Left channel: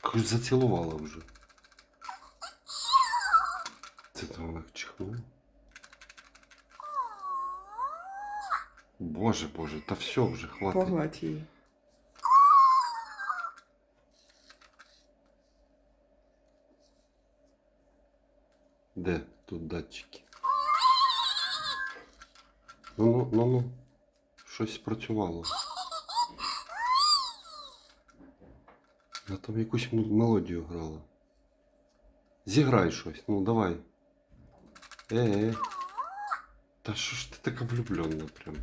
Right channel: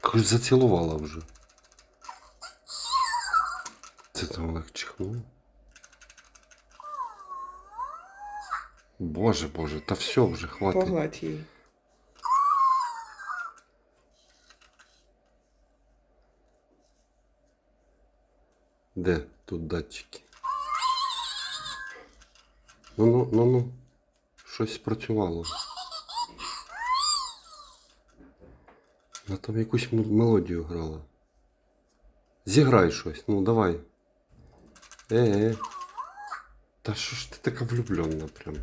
Хоч зацілувала вже. Це ти Олег чихнув? Боже, боже, та все вже хватить. Погладь її. Де тут датчики? Ну ну ну ну. Щось спрацювало. Я там якусь мелодію грала. Зіграй щось, ну давай. Е, е. Та що ж ти така влюблена прям?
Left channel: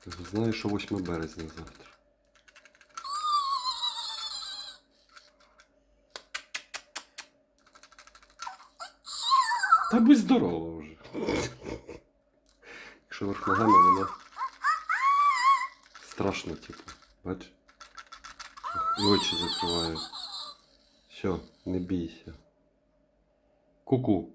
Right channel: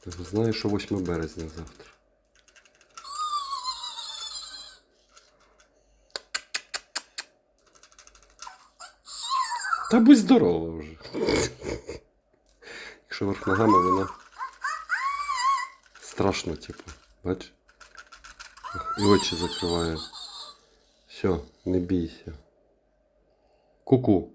Ти ж знаєш, що 8 березня завтра. Та будь здорова вже. Якщо ногами вона страшно, типу. Бач? І очі закриває. Все, не бійся. Ку-ку.